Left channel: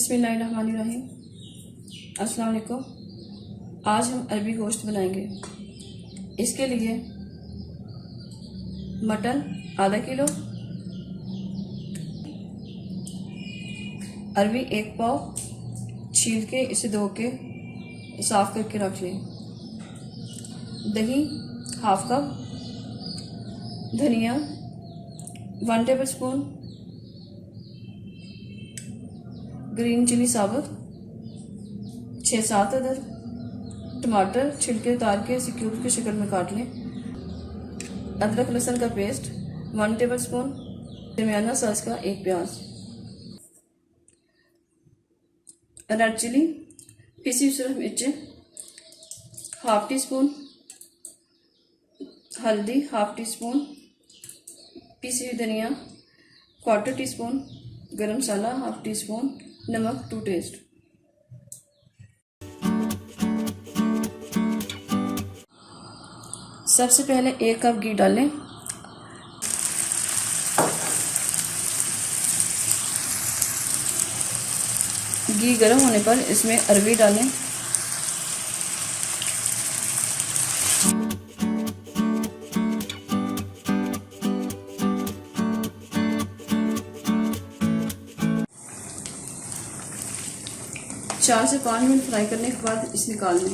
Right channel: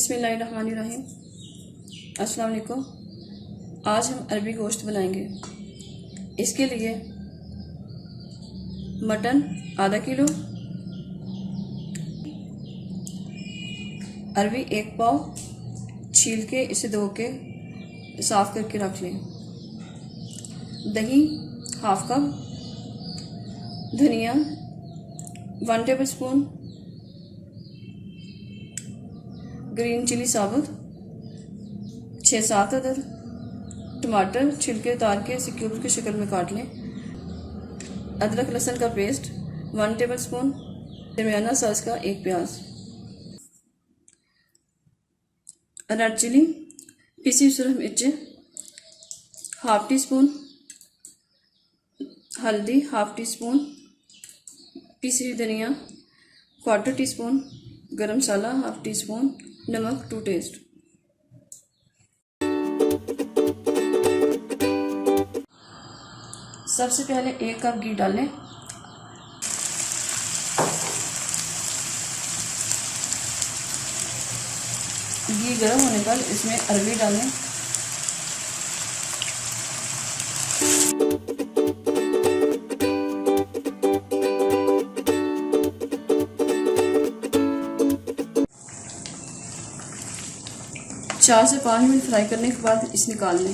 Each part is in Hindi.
बिस्मिल्लाहिर्रहमानिर्रहीम। अस्सलाम वालेकुम। आज हम अरबी गोश्त बनाएंगे। इसके लिए मटन आधा किलो, अरवी 1 पाव छील के इसे धो के साफ करके रख लें। दही हाफ कप, धनिया 1 टेबल स्पून, ग्रीन चिली साबुत 6-7 अदर, टमाटर छिलके उतार के इसे क्यूब की शक्ल में काट लें। अदरक लहसुन का पेस्ट 1 टेबल स्पून, दरमियाना साइज का 1 प्याज, रेड चिली, पिसी सुरख मिर्च हाफ टी स्पून, हल्दी हाफ टी स्पून, पिसी हुई धनिया 1/4 टी स्पून, गरम मसाला हाफ टी स्पून, नमक टू टेस्ट। सबसे पहले 1 कप घी डालें। घी गर्म होने पर इसमें अरवी डालें। चार से 5 मिनट फ्राई करने के बाद इसे निकाल लें।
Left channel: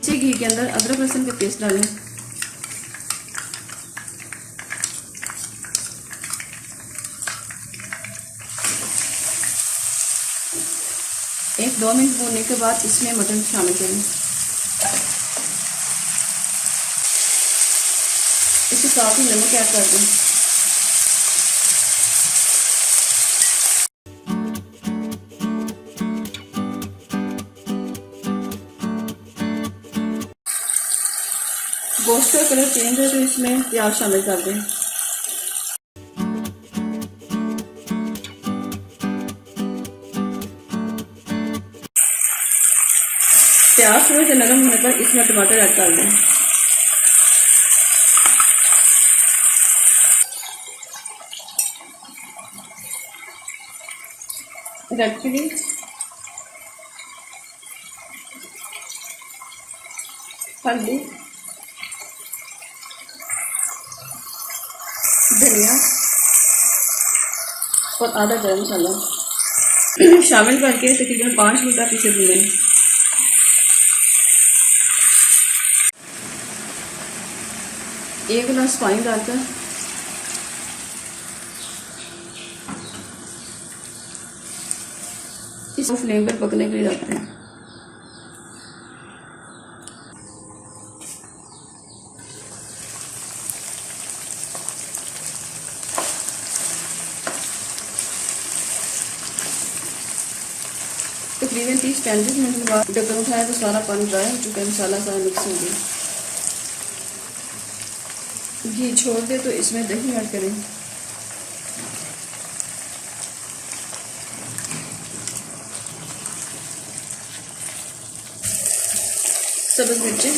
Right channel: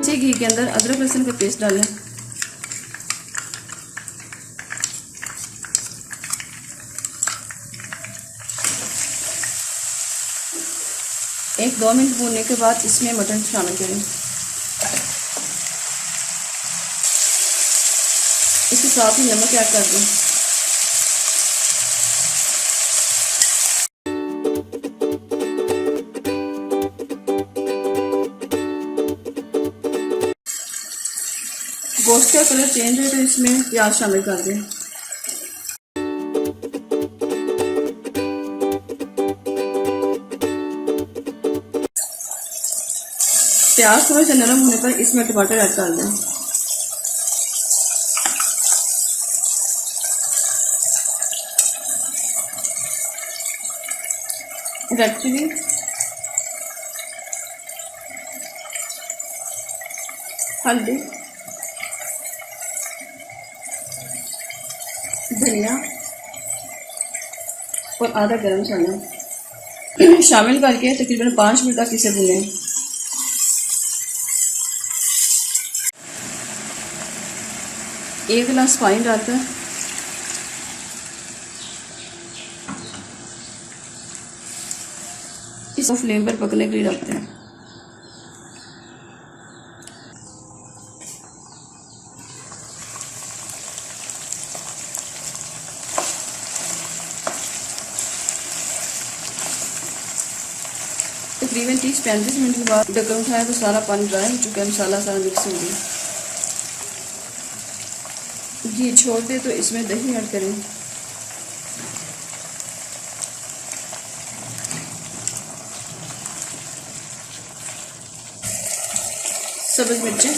इसी घी के अंदर अदरक लहसुन का पेस्ट डालें। एक 2 मिनट भूनने के बाद इसमें मटन शामिल करें। इसके साथ ही नमक ऐड कर दें। गोश्त का कलर चेंज है तो इसमें प्याज शामिल कर दें। प्याज थोड़ा सा नरम होने पर इसमें टमाटर ऐड कर दें। रेड चिली, हल्दी, धनिया और आधा गरम मसाला शामिल करके तकरीबन 5 मिनट तक इसे भूनें। एक गिलास पानी डालकर इसको फ्लेम पर पकने के लिए रखते हैं। तकरीबन 30-35 मिनट के बाद ढक्कन उठाया तो सारा पानी ड्राई हो चुका है, मसाला सारा मिक्स हो गया। घी छोड़ दे तो इसमें दही ऐड करें। सब्ज मिर्चें,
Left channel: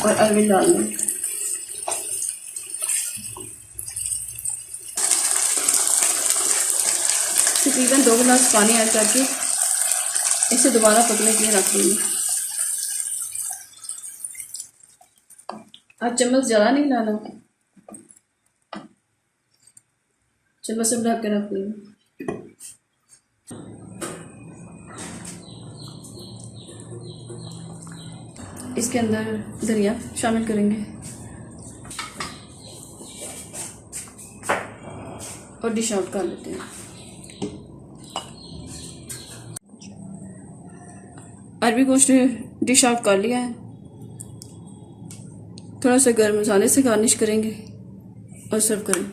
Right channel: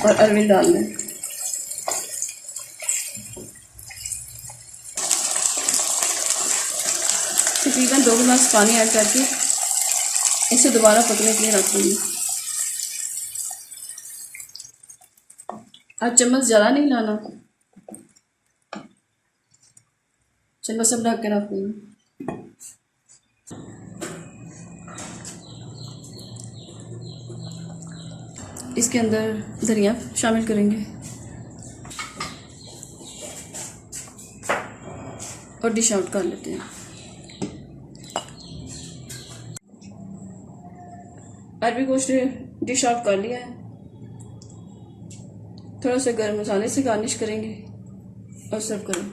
और अरवी डाल लें। तकरीबन 2 गिलास पानी ऐड करके इसे दोबारा पकने के लिए रख देंगे। अब चम्मच ज़्यादा नहीं लाना, चम्मच सब ढक के रख देंगे। इसके अंदर धनिया शामिल करेंगे और डिश आउट कर लेते हैं। अरबी गोश्त डिश आउट कर लिया है। थोड़ा सा गर्म मसाले से गार्निश करेंगे और सर्व करें।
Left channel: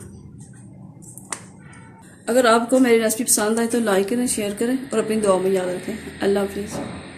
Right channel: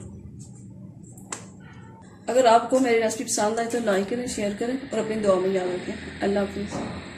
अगर आपको मेरी रेसिपी पसंद आए तो लाइक करें, शेयर करें और अपनी दुआ में याद रखें। अल्लाह हाफिज़।